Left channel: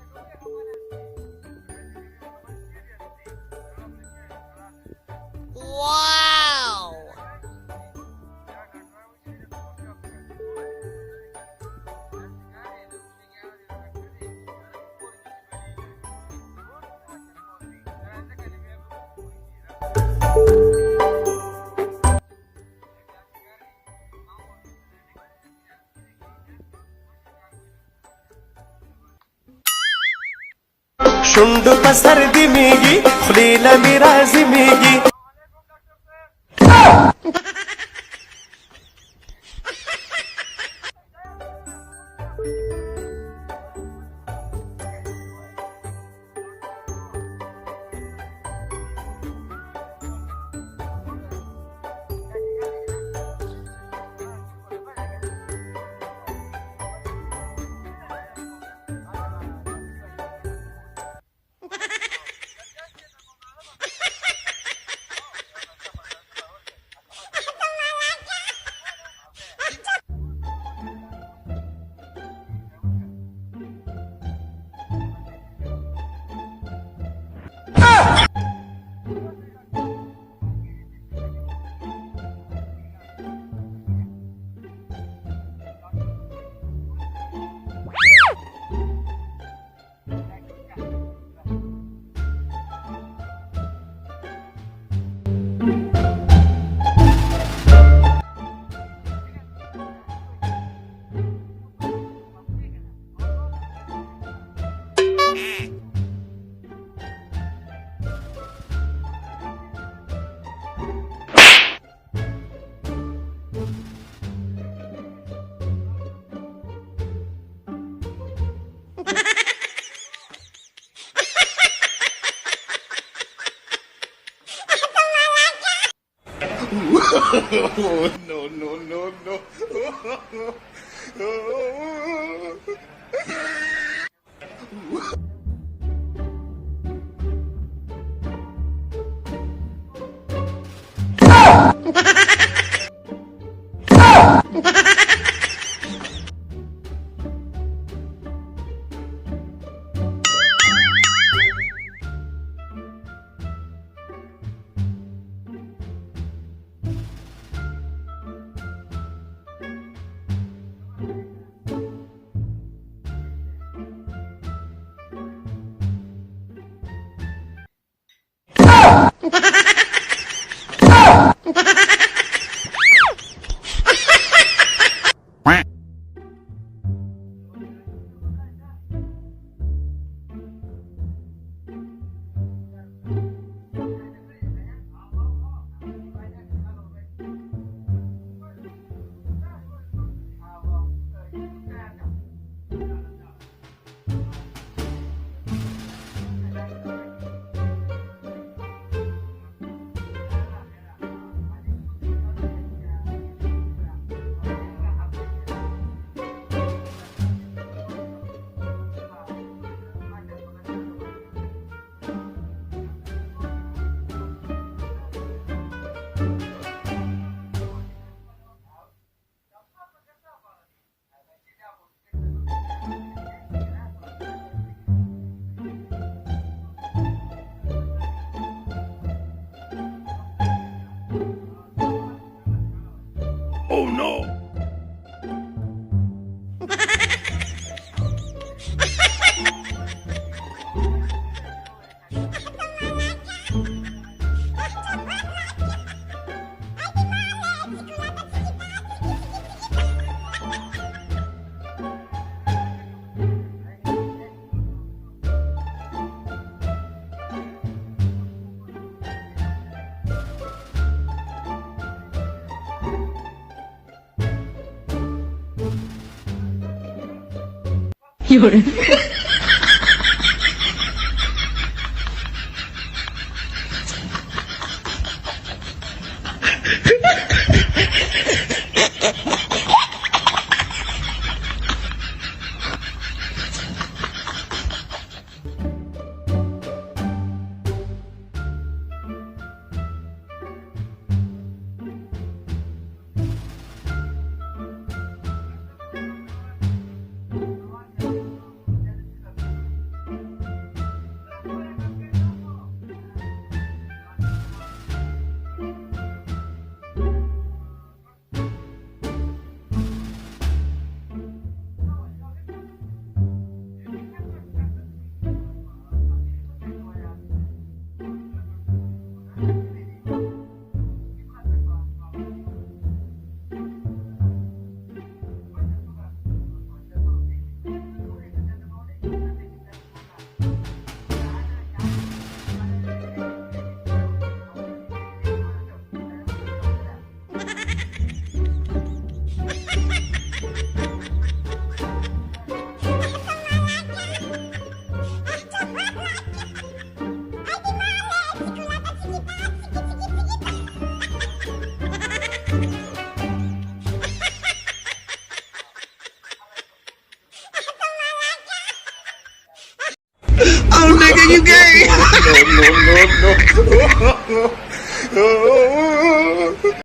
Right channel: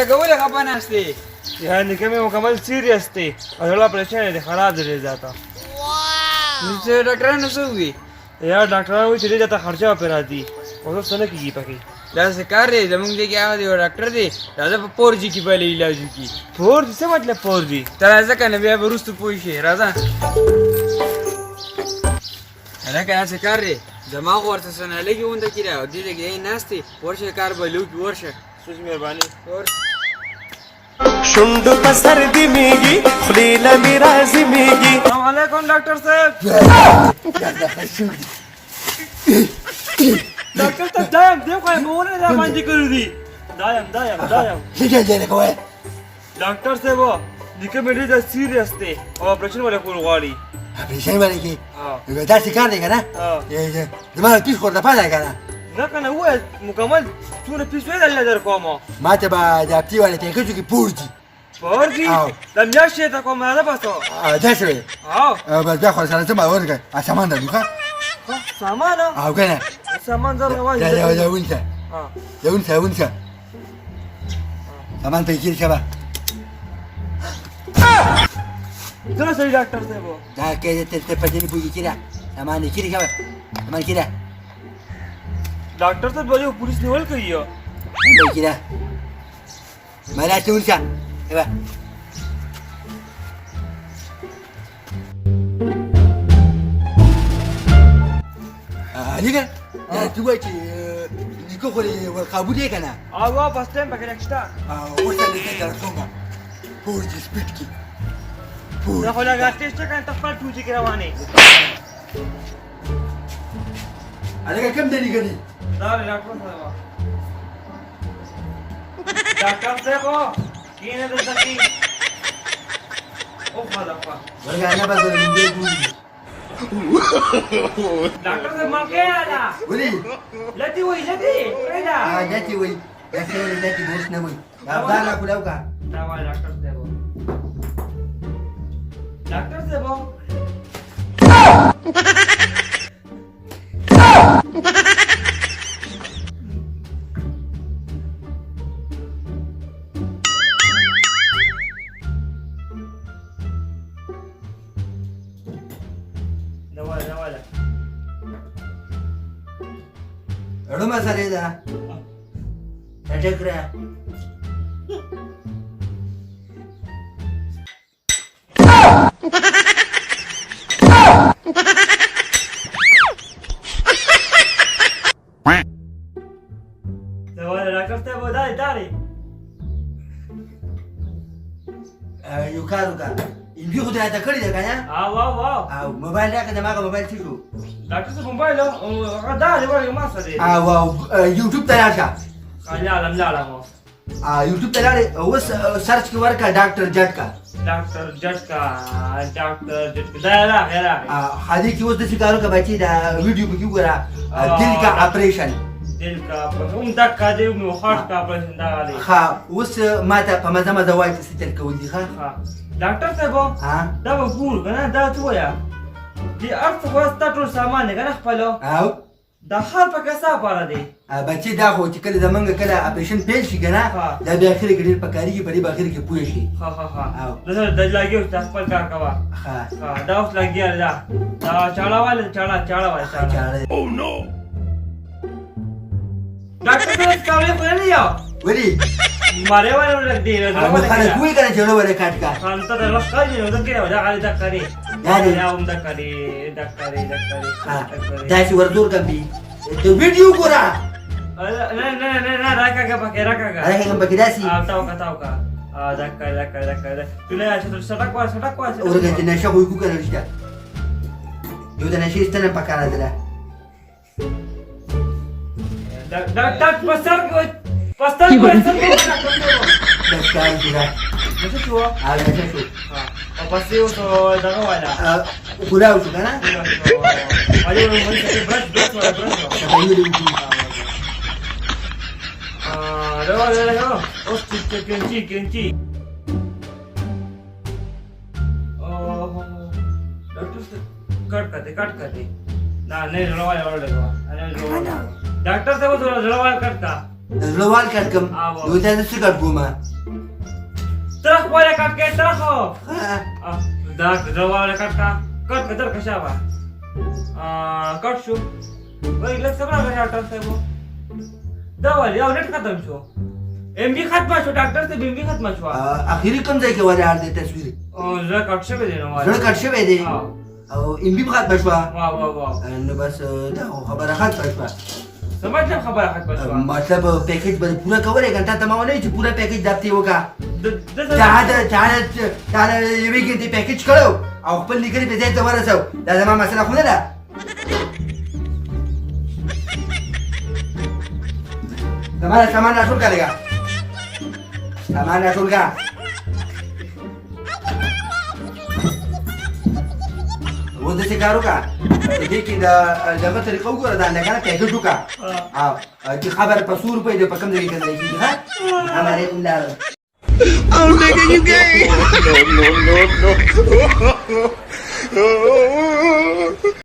એટલે ગવલે ખબર ના હસ્તી यानी कि मैं मुकम्मल सीरियस थी और थोड़ा परेशान है खराब ले जाता નીચે ડોક્ટર ને શું हुई यार डॉक्टर वो चले जाता खर्चा पे आती और तो सने की पकी દાસે કરે જમંગ દે કે આવા દે ડોક્ટર દે રાજા પોરજી की पहले इलाज की फोर से मतलब फोर जी તારા ऐसा कहने बे रुस्तु पूछे राजा अरे क्या से कर रे जमा वर्ष सना लगी उन तक किरा दीदी के नास्ती वर्ष कार बलू की वर्ष सुच मेहरबानी और शुंड सर्दी मेगी खुलीला मिराजी मेगी अस्सलाम वालेकुम डॉक्टर साहब डॉक्टर साहब दायम देखो ये बोलने दा मांजी कर दी दायम ठीक है जेने कोई डॉक्टर साहब वो निके मेरी दा सीरियस थे और ऑपरेशन वाले को गाड़ी ऑपरेशन वाले की हां ये दास सिखाने का ना हां ये तुम्हारा किस को पाला का ना ना कना वो मुकम्मल तूने पिछले दल्ला दर कोमा ما تبع جابتي ولا تنكجو की पूर्जी فورجي لم يشي تقوم هذا بس جسري اه بس بياخذ سنه تبع ورقه عشان ده لك سامانا اه كده سامان ضر وايد يا وانت اه يا وانت كمان بيجي شباب ده سيد دكتور سيبو ده كده تبدل بيجي كده كمان كده شباب كمان كده डॉक्टर साहब बोले पुलिस ने होल कही हो كده ما لا تقول شيء شباب ليك لا تقول نيكو والقابو ديك انا اه بس تم بكره اشتا بورجي سبيتكي ده ولا قاتيش كان تفكر توجي كرواني عليك كم دقيقة دي؟ لا डॉक्टर साहब डॉक्टर साहब ये ने दसती ओ खाला والله انا بقدر डॉक्टर साहब मां क्या आया ولي लती हुई लती اه جاتي وي جاتي بوش نوي ابانا كلاوكا दवा डॉक्टर साहब डॉक्टर साहब رمى سريدا اتكرا डॉक्टर साहब दारी दारी يوكاروكا يجي خد هذا كل ده كان واو واو موبايل ده كده معك موبايل تشو डॉक्टर साहब मोबाइल दारी ولا ما صدق واو يوتيوب تلاقى لا لا مو يوتيوب تلاقى هو سيرش كوركا دكتور جدكا डॉक्टर जटका डॉक्टर जटका لا لا هذيك هو ده سيجارو كباتي ده فيديو بيجورا ديلكا اوبريشن दिल का دك دي وخارج का ऑपरेशन دا عليه خا وس ماتا فما زواج ستر كودي خا डॉक्टर साहब دا بقول کنه دا تو یا دي ارث واسطه ټول سامان کنه خپلو او دا حال پکې صاحب را دي بچي دا خو چې کله زمونږ کله اپریشن پیل شي کنه دا به اخر کې ډیر پکاري په دې اخر کې پوه شي ها دا لګیو تاسو خپل کار کوا دا اوس لګیا دا چاړه والے چاړه او نو डॉक्टर साहब कावले पर नहीं आओ ولي मारे वाले लग दे انا خلك وين كان جلو ولا كاتكا انت ده لقى لي وذكر ولا على دكاري يعني يا ام دكاري داشي وردور قبلي الفيديو كورا لا راكا انا كان بكداسي تاوكا دكا تلا سٹک وا ورغت نشا وي كوكا رشتا يو ده نشي استنى بكانا ده دك پسر Pasio so daga wala. Kulau tu kan? Ayo daga. Oh, kenci. Oh, cut करते ना नहीं जलवाया और लगवा डॉक्टर साहब तो जलवाया करता زړه وال کټ کم نو ته څه کټ کومه ترخ ولا کټ کې ترخ دا زړه کټ کا کټ کدر کشابه کټ شو وای لږ صبر غواړي ډاکټر صاحب دا ولې او نت ختم شو ام بي ختم شو ډاکټر ته بي ختم شو اخیری کوم ځای کې وره دې تصویر او زړه کټ شوی دی نو زړه کټ شوی دی او ام بي ختم شو واه نو بس دا خبره ختم شو سمجھ خبره ختم شو مطلب پیکیج به پورا کولای کنه ته ما نه چې پورا پیکیج دپتی وکا چاله یوې کې دې پیکیج کړو او خپل لیکلي په ځای ته ورسو دا زما مسله خو نه ده زما سامان راټول کړه لګا سامان راټول کړه و دې څه کارو کا دې کې دا لمه طریقه وګوره دا نه کنه پیدا شو کا او چې خبر په 100 روپے دې په کم ځای کې دی ها هغه الله Oh, nigga, you gay! No.